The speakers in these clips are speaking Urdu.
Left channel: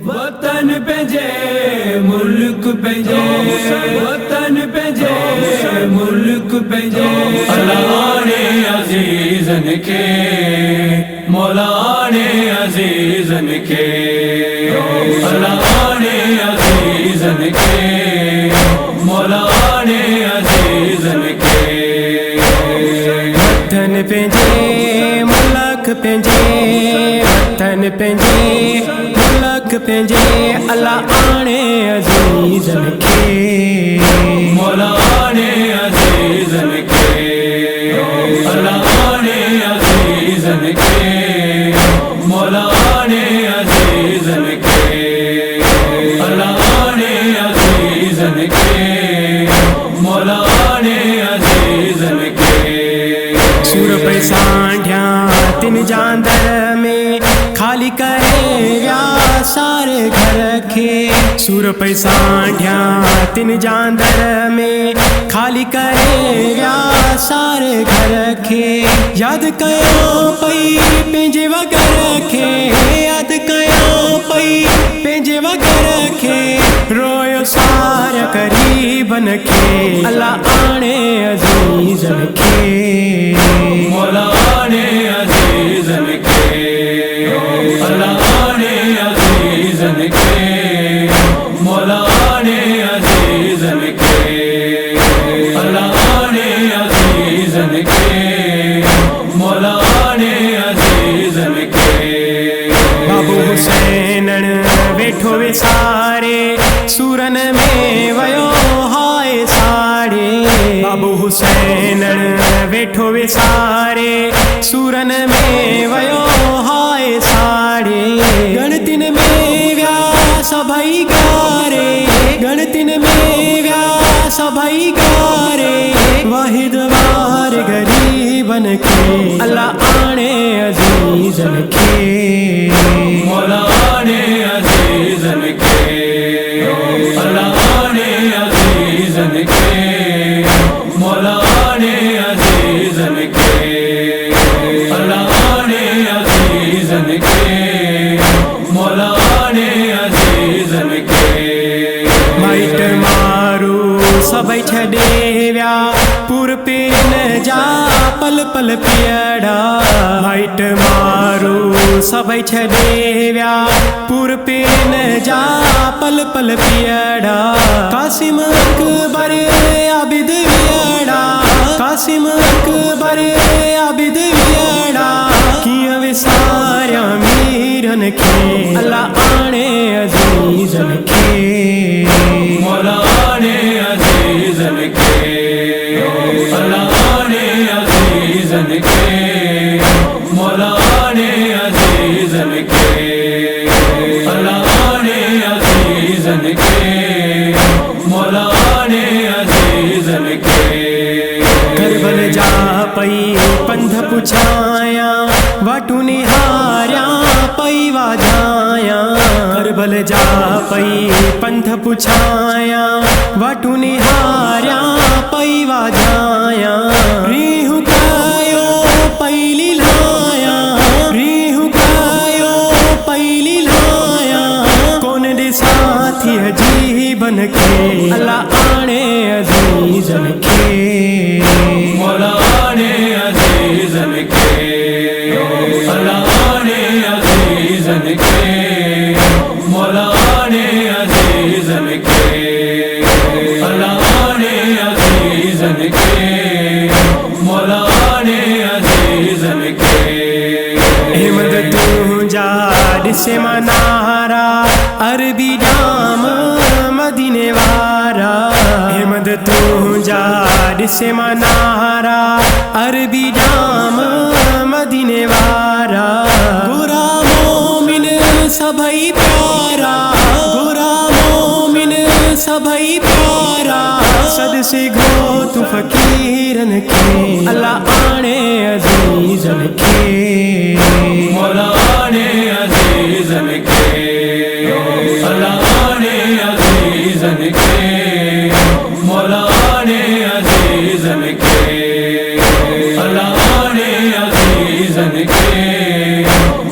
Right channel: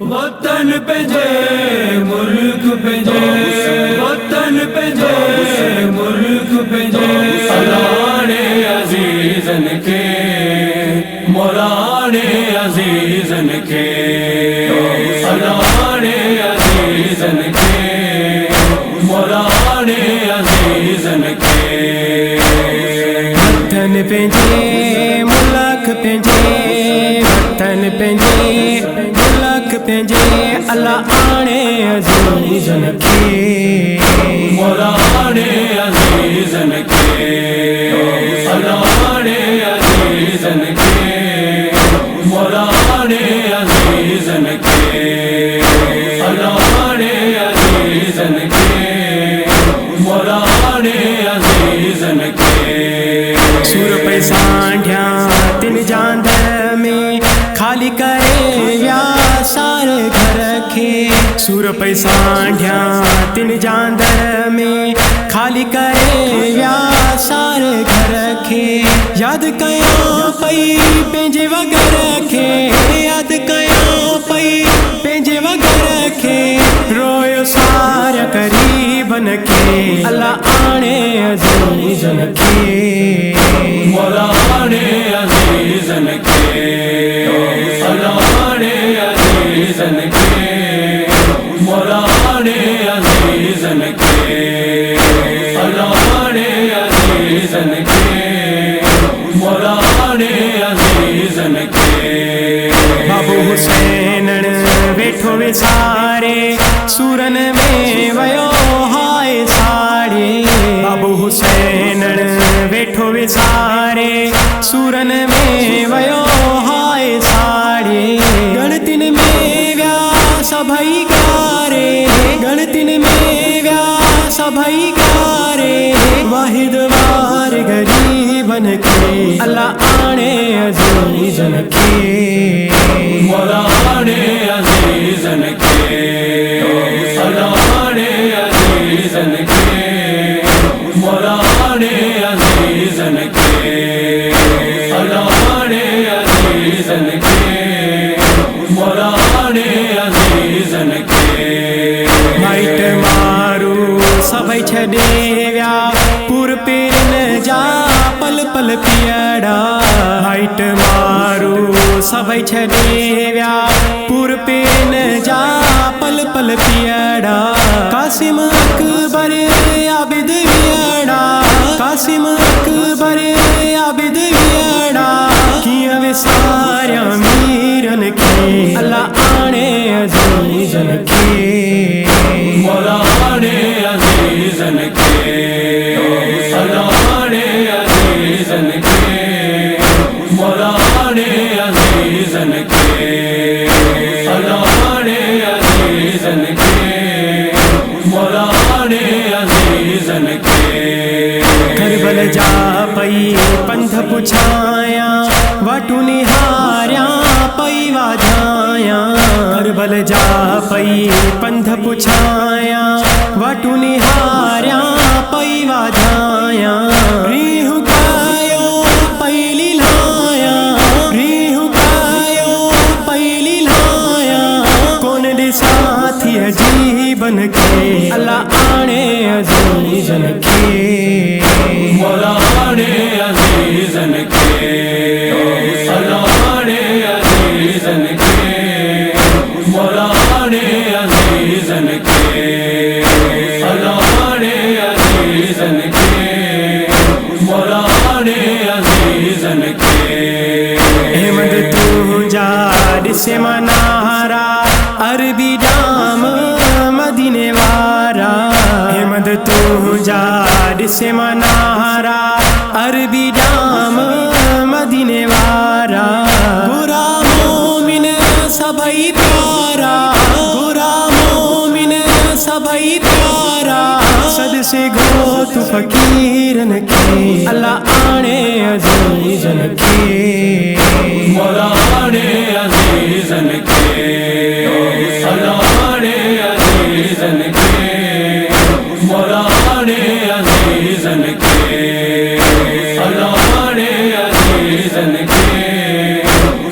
وطن پنجے ملک پنجے وطن پنجے ملک پنجے مولانے عزیزن کے مولانے عزیزن کے مولانے عزیزن کے مولانے عزیزن کے وطن پنجے ملک پنجے وطن پنجے ملک پنجے اللہ آنے عزیزن کے مولانے عزیزن کے مولانے عزیزن کے مولانے عزیزن کے مولانے عزیزن کے مولانے عزیزن کے سور پہ سانڈھیا تن جاندر میں خالی کرے ویا سارے گھر کے سور پہ سانڈھیا تن جاندر میں خالی کرے ویا سارے گھر کے یاد کیا پئی پنجے وگر کے یاد کیا پئی پنجے وگر کے رویو سارا قریبن کے اللہ آنے عزیزن کے مولانے عزیزن کے مولانے عزیزن کے مولانے عزیزن کے مولانے عزیزن کے مولانے عزیزن کے بابو حسین ویٹھو وے سارے سورن میں ویو ہائے ساڑے بابو حسین ویٹھو وے سارے سورن میں ویو ہائے ساڑے گنتن میں ویا سبھائی گارے گنتن میں ویا سبھائی گارے واحد وار غریبن کے اللہ آنے عزیزن کے مولانے عزیزن کے مولانے عزیزن کے مولانے عزیزن کے مولانے عزیزن کے مولانے عزیزن کے مائٹ مارو سبھائی چھڑے ویا پور پیرن جا پل پل پیڑا مائٹ مارو سبھائی چھڑے ویا پور پیرن جا پل پل پیڑا قاسم اکبر عابد ویڑا قاسم اکبر عابد ویڑا کیاں وے سارا میرن کے اللہ آنے عزیزن کے مولانے عزیزن کے مولانے عزیزن کے مولانے عزیزن کے مولانے عزیزن کے مولانے عزیزن کے کربل جا پئی پندھ پچھایا واٹو نہاریا پئی واجھایا کربل جا پئی پندھ پچھایا واٹو نہاریا پئی واجھایا ریح کایو پئی لیلایا ریح کایو پئی لیلایا کون دے ساتھی عجیبن کے اللہ آنے عزیزن کے مولانے عزیزن کے مولانے عزیزن کے مولانے عزیزن کے مولانے عزیزن کے مولانے عزیزن کے احمد تو جا ڈسے منارا عربی جام مدینے وارا احمد تو جا ڈسے منارا عربی جام مدینے وارا گورا مومن سبھائی پیارا گورا مومن سبھائی پیارا صد سے گو تو فقیرن کے اللہ آنے عزیزن کے مولانے عزیزن کے مولانے عزیزن کے مولانے عزیزن کے مولانے عزیزن کے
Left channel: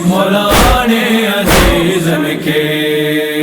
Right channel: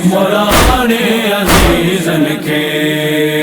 مولانے عزیزن کے کے